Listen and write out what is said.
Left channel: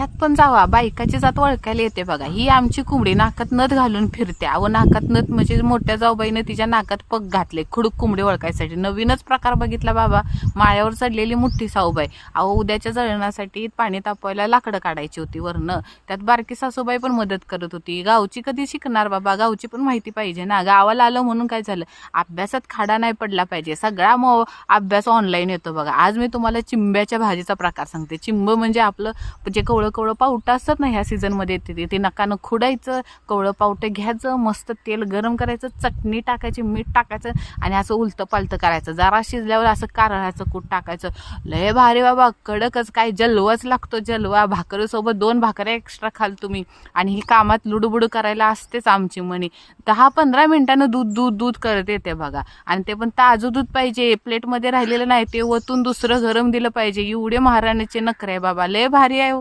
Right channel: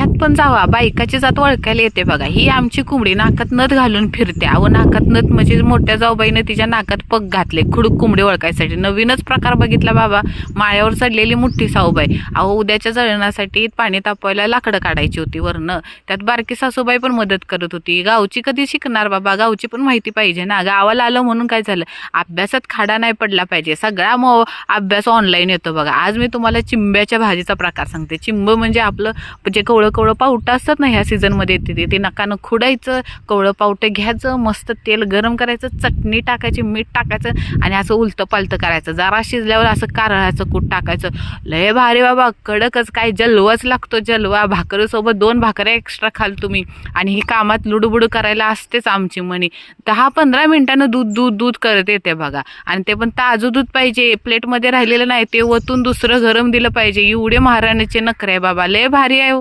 ह्यात पण जावा बायकाची जात ओळखायला येते बघा. ही आमची कोंबडी नाकात नथ घालून फिरते. अहो नाकात नथ म्हणजे मोठ्या जाऊबाईनं तिच्या नाकात पग घातले खुडूक कोंबडी ओळखायसाठी. नवीनच प्रकार बघितला बाबा. माळ्यावर चढलेली मोठी सासूबाई. अहो उद्याच्या जळणासाठी पाणी तापवायला लाकडं काढायची होती वरनं. त्यात बारकी सासूबाई पण मदत करत होती. गावची कधी शिकणार बाबा, गावची पण माहिती पाहिजे ना. गावाला आलं म्हणून काय झालं, अभ्यासात खाडा नाही पडला पाहिजे. सगळा अभ्यास ऑनलाईन येतो बघा. आज मी तुम्हाला चिंब्याच्या भाजीचा प्रकार सांगते. चिंब म्हणजे आपलं जे कवळं कवळं पावटं असतात ना, ह्या सीझनमध्ये येते ते नकानं खुडायचं, कवळं पावटं घ्यायचं, मस्त तेल गरम करायचं, चटणी टाकायची, मीठ टाकायचं आणि असं उलतं पालतं करायचं. जरा शिजल्यावर असं कारळाचं कूट टाकायचं. लय भारी बाबा, कडकच काय जलवाच लागतो जलवा. भाकरीसोबत 2 भाकऱ्या एक्स्ट्रा खाल तुम्ही. आणि ही कामात लुडबुड करायला असतेच आमची मनी. 10-15 मिनिटानं दूध दूध दूध करत येते बघा. आणि ते पण ताजं दूध पाहिजे, प्लेटमध्ये राहिलेलं नाही. ते वतून दुसरं गरम दिलं पाहिजे. एवढे महाराणीचे नखरे बाबा, लय भारी आहे.